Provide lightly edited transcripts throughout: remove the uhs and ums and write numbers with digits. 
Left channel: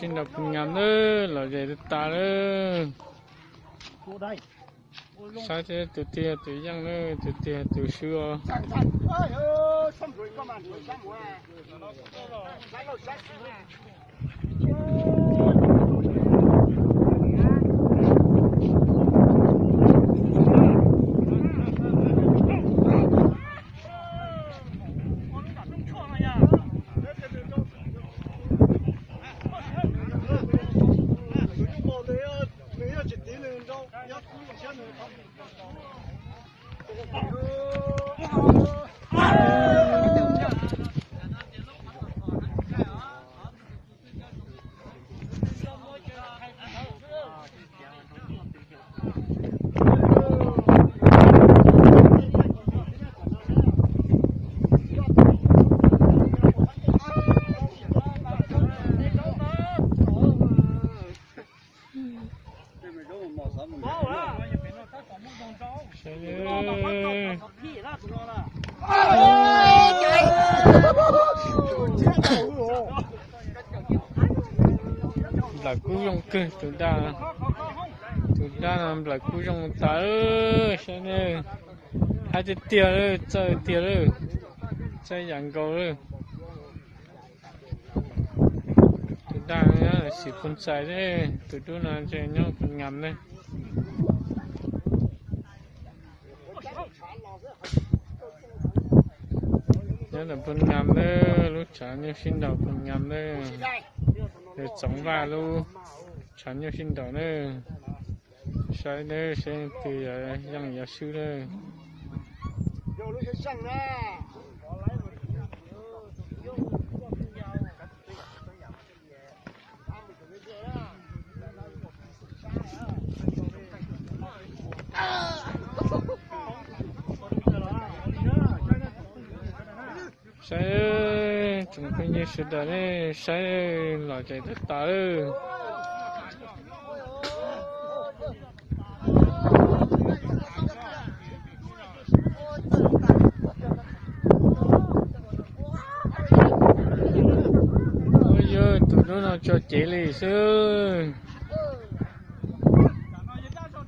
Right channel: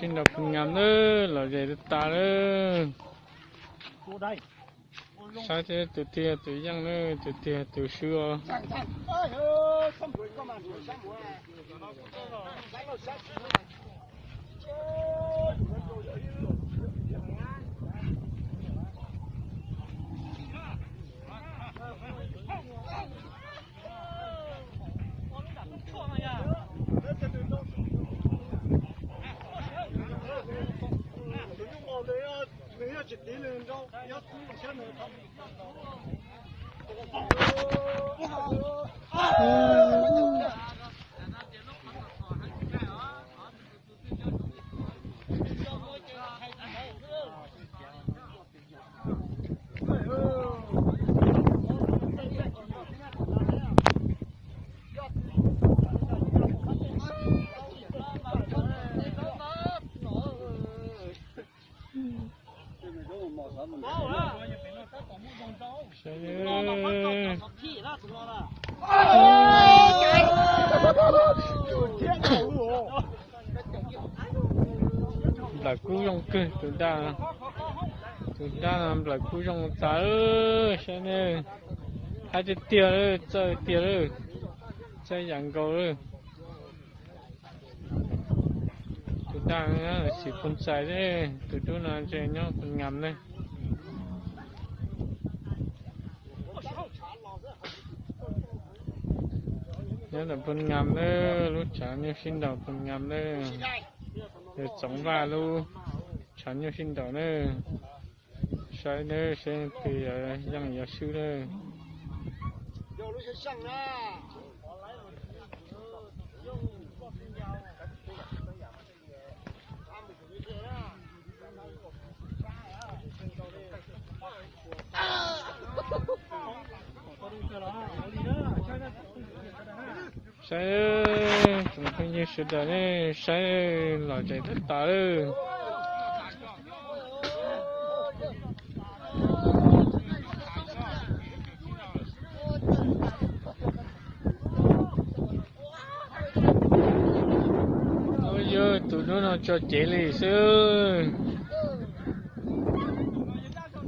xin đọc ngắm nữa là để ta nữa sao thế tụi tia tụi giang nữa tụi tia tụi xưa là cú rong cơ tụi ta làm là cú rong ta ơi sao nè hai cái tia rồi chơi tia rồi chơi giằng cầu rồi tụi ta là xịt con sai đấy tụi tôi là chơi nhau phần ngầm đấy nhớ là phần ngầm đấy lúc chả như xin đầu phần ngầm đấy để sống vào luôn chán như xin đầu nữa sai nữa sẽ từ dân giáo sư nữa sai chúng tôi như sự đó này sai là chạy tất cả rồi ôi giời tụi nó cho chế lì sư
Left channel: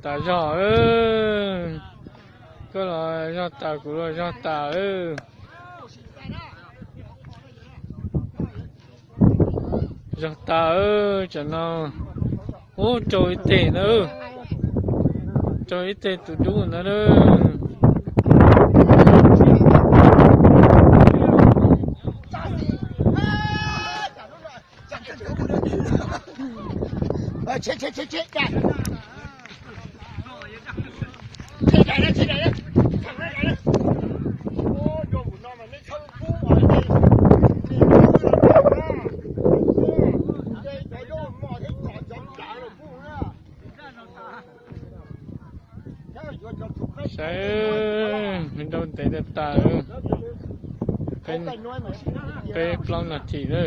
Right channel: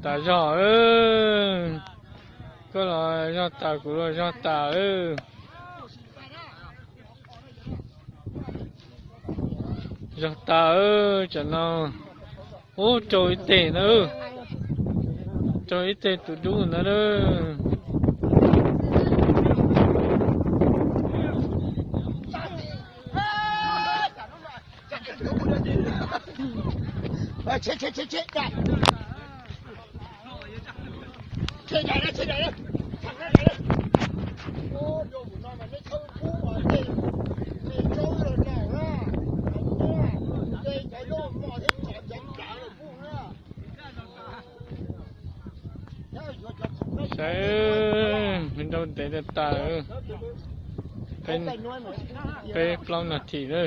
ta rõ ơi có là do ta cũng là do ta ơi giọt ta ơi cho nó ô trời tệ nữa trời tệ tụi chúng nó đó chết sai mình đâu để được ta ơi cái plon là chỉ nữa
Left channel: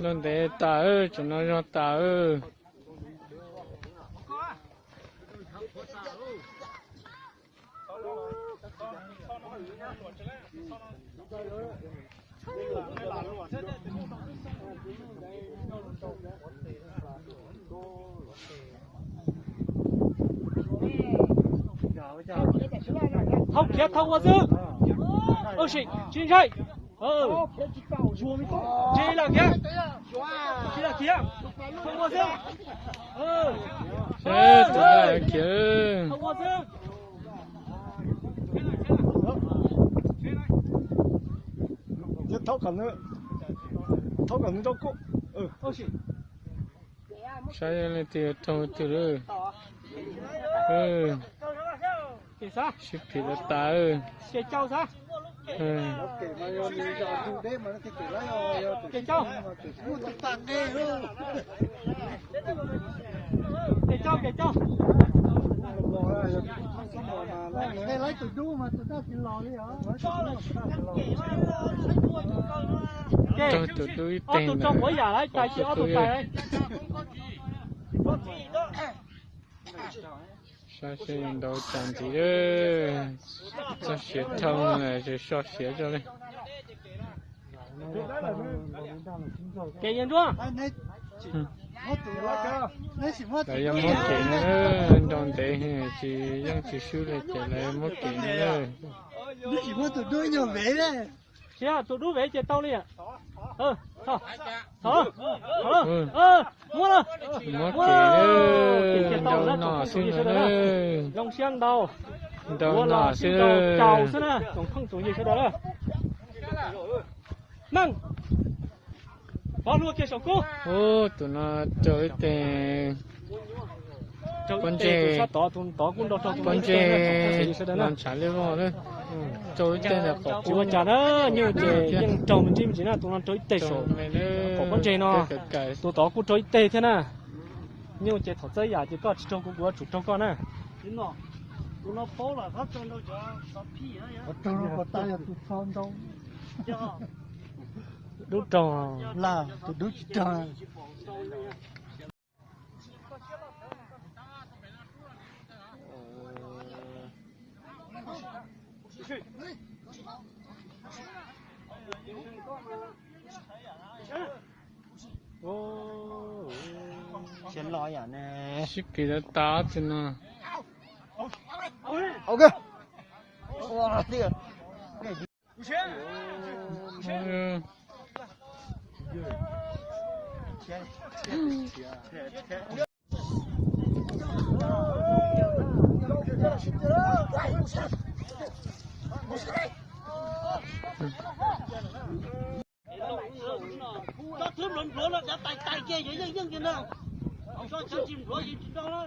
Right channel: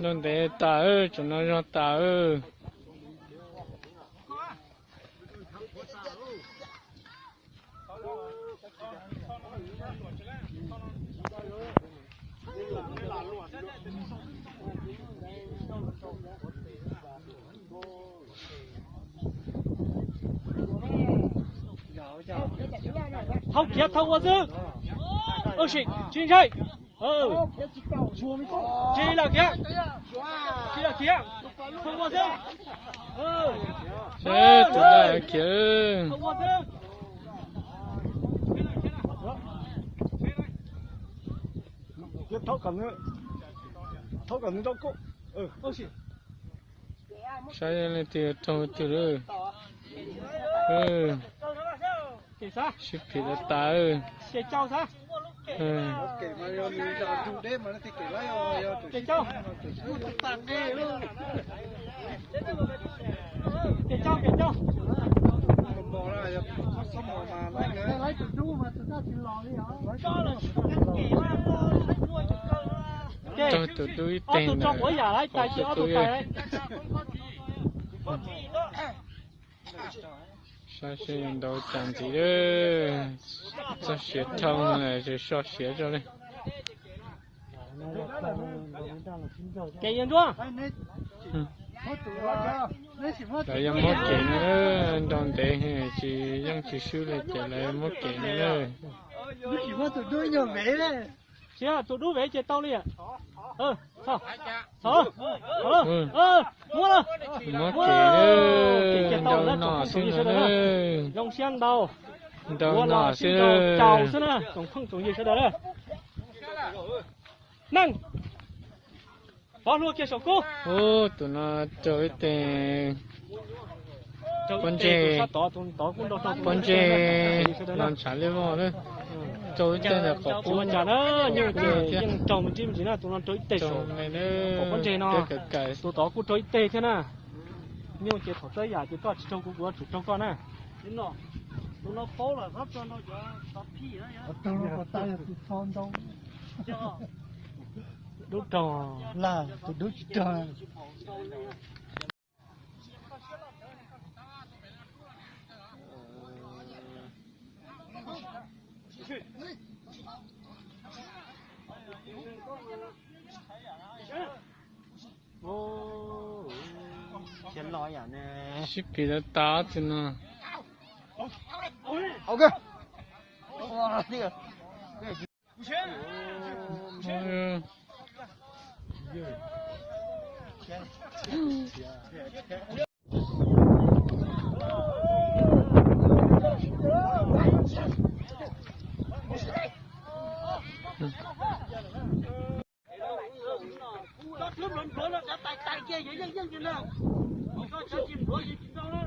nên để ta ơi cho nó cho ta ơi không thiệt không có dư ôi chị chính chạy chị là kia không có dư chết tụi ta kìa không có dư thấu cần nữa đâu cô ôi chị sai lên từ trong từ rồi thì sao ship thì là ta ơi kể cháu sao kể cháu kể cháu mò ra rồi không mò mà lấy từ chú mà tụi nó chịu lò đi hả? Cho là cho tụi tôi tên là có tụi tôi ơi sao sẽ đâu chẳng gì đó sao sẽ thông này rồi sao sẽ cho đây Kẻ yên chưa? tại em mất kiện nữa đồng tệ chỉ dân chỉ xưa là trả lại mất kiện nữa chỉ có tụi tôi nhiều vẻ đấy. Thế à, tụi đứa về chơi tao liền. Thôi, thôi, mua. mất kiện nữa đâu nọ xưa nữa Dòng xiang đầu. đâu nọ xưa Chào xưa nè, cũng không tụi gì cái đó đâu. Năng. Bao luôn kia sổ cô. ô tụi nó chơi tiền con chè làm trả lấy vào nữa chơi tên là có chú trả đó như thế trồng chim chỉ là tụi nó tới tê sổ này nữa con chè nó cái tụi đó cũng tới tê thế nè như thế thật tới giờ chỉ có trong của chủ trong con nè tụi nó phố là thấp cho nó cho sắp phi á Tụi nó có tay là tụi phong đâu. đúng tròn Là tụi đứa chỉ chờ. Xin lỗi à nè. ship cái đó tá chứ nó Ok. Wow, đi. Thứ mình bữa nó tay kia vậy dân kia đâu. Sao chim bữa gì trong đó.